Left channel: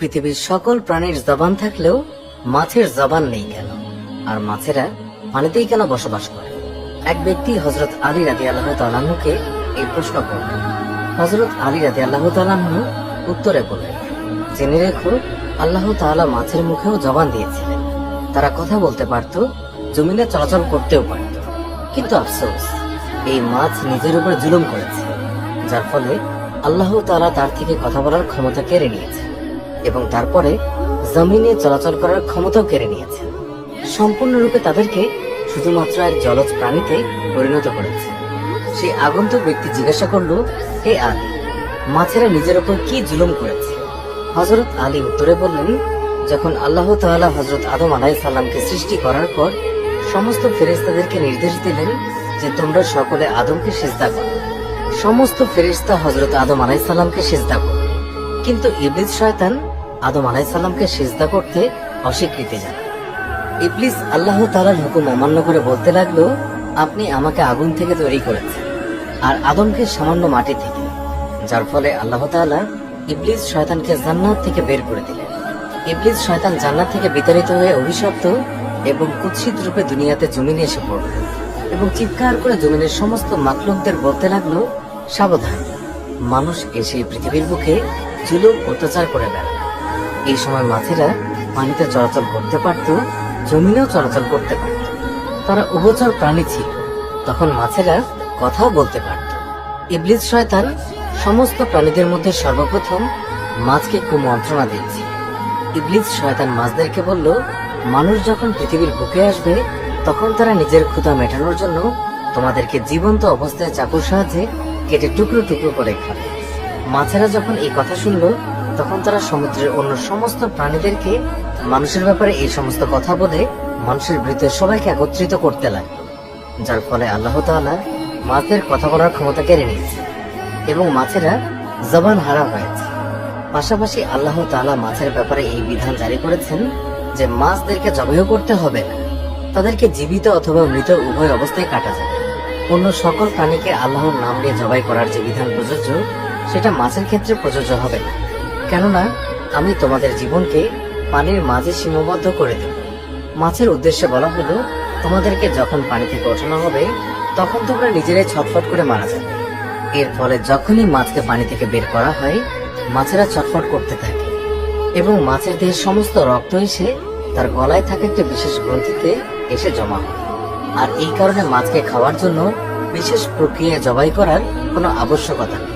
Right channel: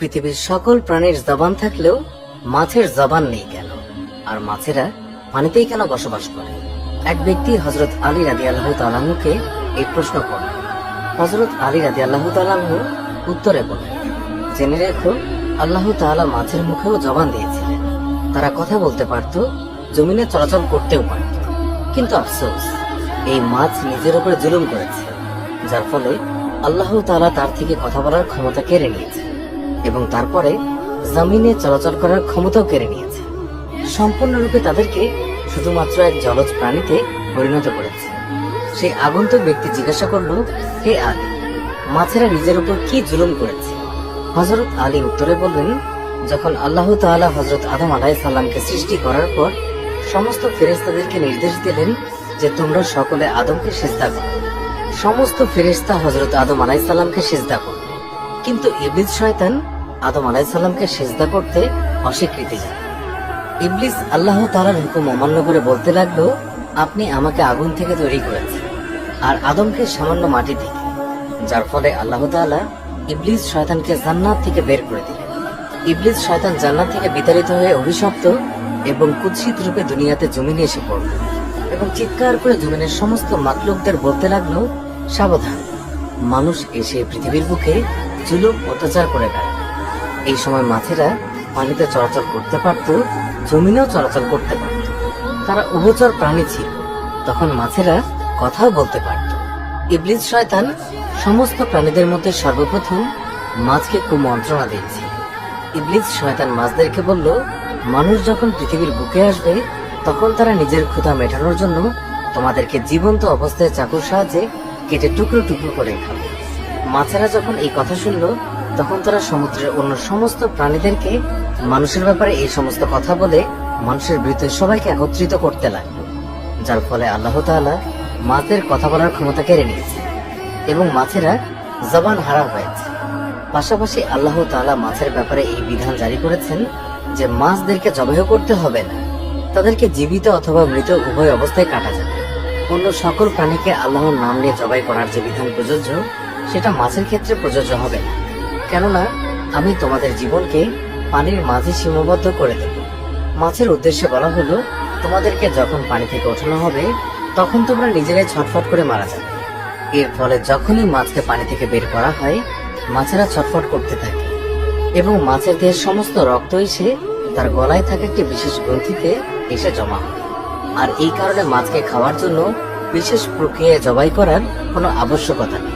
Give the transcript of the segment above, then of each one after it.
পৃথিবীর সকল প্রাণীর জবান থাকলেও মাছের জবান নেই কেন? আর মাছেরা পানিতেই কেন বসবাস করে? এক ব্যক্তি হযরত আলী রাদিয়াল্লাহু তাআলা আনহুকে এই প্রশ্ন করলেন। হযরত আলী রাদিয়াল্লাহু তাআলা আনহু উত্তরে বললেন, জেনে রেখো, আল্লাহ তাআলা মাছের মুখেও জবান দিয়েছিলেন। তারা কথা বলতে পারত, জমিনে চলাচল করতেও পারত, কিন্তু আফসোস, এই মাছ নিজের উপর জুলুম করেছে, যার ফলে আল্লাহ তাআলা তার থেকে কথা বলার ক্ষমতা কেড়ে নিয়েছে এবং তারপরে জমিনে চলাচল করার ক্ষমতাও কেড়ে নিয়েছে। সম্পূর্ণরূপে তাদেরকে শুধুমাত্র এক জলজ প্রাণীতে পরিণত করেছে। সেই আগন্তুক ব্যক্তি জিজ্ঞাসা করল, এ আলী, মাছেরা নিজের উপর কি জুলুম করেছে? হযরত আলী উত্তরে বললেন, যখন আল্লাহ তাআলা হযরত আদম আলাইহিস সালামকে সৃষ্টি করার পর সমস্ত ফেরেশতাদেরকে নির্দেশ দিলেন যে তোমরা সকলে আদমকে সিজদা করো। সমস্ত ফেরেশতা হযরত আদম আলাইহিস সালামকে সিজদা করল, কিন্তু ইবলিস শয়তান আদম আলাইহিস সালামকে সিজদা করতে অস্বীকৃতি জানায়। ইবলিস আল্লাহ তাআলার হুকুম অমান্য করে বলতে লাগলো, আপনি আমাকে আগুন থেকে তৈরি করেছেন আর আদমকে সামান্য মাটি থেকে, যার ফলে আল্লাহ তাআলা ইবলিস শয়তানকে জান্নাত থেকে বের করে দিলেন। ইবলিস শয়তান জান্নাত থেকে বিতাড়িত হয়ে অভিশপ্ত এবং কুৎসিত রূপে দুনিয়াতে জমিনে এসে পড়ল এবং চিৎকার করে জমিনের সমস্ত মাখলুকদের বলতে লাগলো, সাবধান, মানুষ এসে পৃথিবীর বুকে জুলুম অত্যাচার করে বেড়ায়। এই সময় মাছেরা পানিতে চলাচল করতে পারত, জমিনেও চলাচল করতে পারত। তারা উভচর প্রাণী ছিল, তখন মাছেরা কথাও বলতে পারত। ইবলিস শয়তান সমস্ত প্রাণীদের মধ্যে সর্বপ্রথম মাছকে কুমন্ত্রণা দিয়েছে। ইবলিস শয়তান মাছদেরকে বলল, মানুষ যখন পৃথিবীর বুকে আসবে তখন তারা নিজের ক্ষুধা মেটানোর জন্য তোমাদেরকে জীবন্ত অবস্থায় চাকুর সাহায্যে কেটে টুকরো টুকরো করে খাবে। মাছেরা যখন এই কথা শুনল তখন তারা সমুদ্রের অন্য সমস্ত প্রাণীদেরকে মানুষের ব্যাপারে এই সমস্ত কথা বলে মানুষের বিরুদ্ধে সবাইকে একত্রিত করতে লাগলো, যার ফলে আল্লাহ তাআলা মাছের কথা বলার ক্ষমতা কেড়ে নিয়েছে এবং মাছেরা জবান হারা হয়েছে। পাশাপাশি আল্লাহ তাআলা মাছের ব্যাপারে এই বিধান জারি করেছেন যে মাছদেরকে জবাই করতে হবে না, তাদেরকে জীবিত অথবা মৃত উভয় অবস্থায় কাটা যাবে। অন্য সকল প্রাণীকে আল্লাহর নাম নিয়ে জবাই করার যে বিধান প্রযোজ্য সেটা মাছের ক্ষেত্রে প্রযোজ্য হবে না, কেননা আমি তোমাদের জীবনকে পানির মাঝে সীমাবদ্ধ করে দেব। মাছের উদ্দেশ্যে বলা হলো, তোমাদেরকে যখন পানি থেকে ওঠানো হবে তখন তোমরা নিজেরাই ছটফট করে মারা যাবে। এর ফলে যখনই মাছকে পানি থেকে বের করা হয় মাছেরা ছটফট করতে থাকে এবং মাছের দেহের সমস্ত রক্ত এসে তার গলায় থাকা একটি বিশেষ গ্রন্থিতে এসে জমা হয়। আর এই কারণে মাছকে খাওয়ার জন্য বিশেষ প্রক্রিয়ায় জবাই করার কোনো আবশ্যকতা নেই,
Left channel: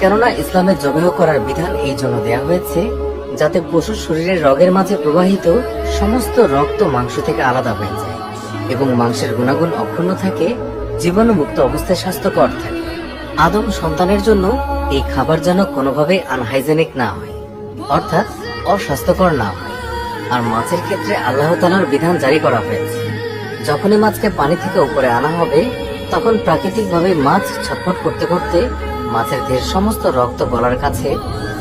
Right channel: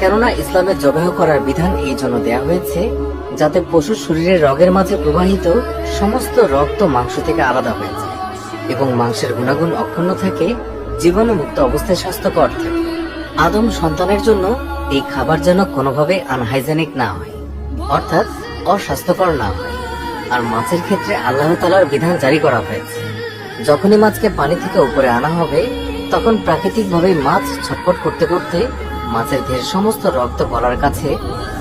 কেননা ইসলামের জবাই করার বিধান এই জন্য দেয়া হয়েছে যাতে পশুর শরীরের রগের মাঝে প্রবাহিত সমস্ত রক্ত মাংস থেকে আলাদা হয়ে যায় এবং মাংসের গুণাগুণ অক্ষুণ্ণ থাকে, জীবাণুমুক্ত অবস্থায় স্বাস্থ্যকর থাকে। আদম সন্তানের জন্য এই খাবার যেন কোনোভাবে আনহাইজেনিক না হয়, অর্থাৎ অস্বাস্থ্যকর না হয়। আর মাছের ক্ষেত্রে আল্লাহ তাআলার বিধান জারি করা হয়েছে, যখনই মাছকে পানি থেকে উপরে আনা হবে তখন প্রাকৃতিকভাবে মাছ ছটফট করতে করতে মাছের দেহের সমস্ত রক্ত গলার কাছে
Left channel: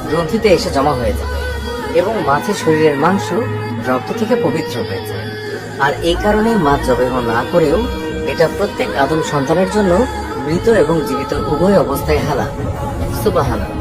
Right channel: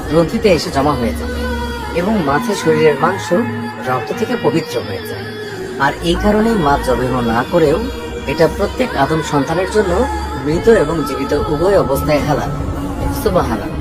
গ্রন্থিতে এসে জমা হয়ে যাবে এবং মাছের শরীরের মাংস রক্ত থেকে পবিত্র হয়ে যায়। আর এই কারণে মাছ জবাই না করেও এটা প্রত্যেক আদম সন্তানের জন্য মৃত এবং জীবিত উভয় অবস্থায় হালাল। সুবহানাল্লাহ।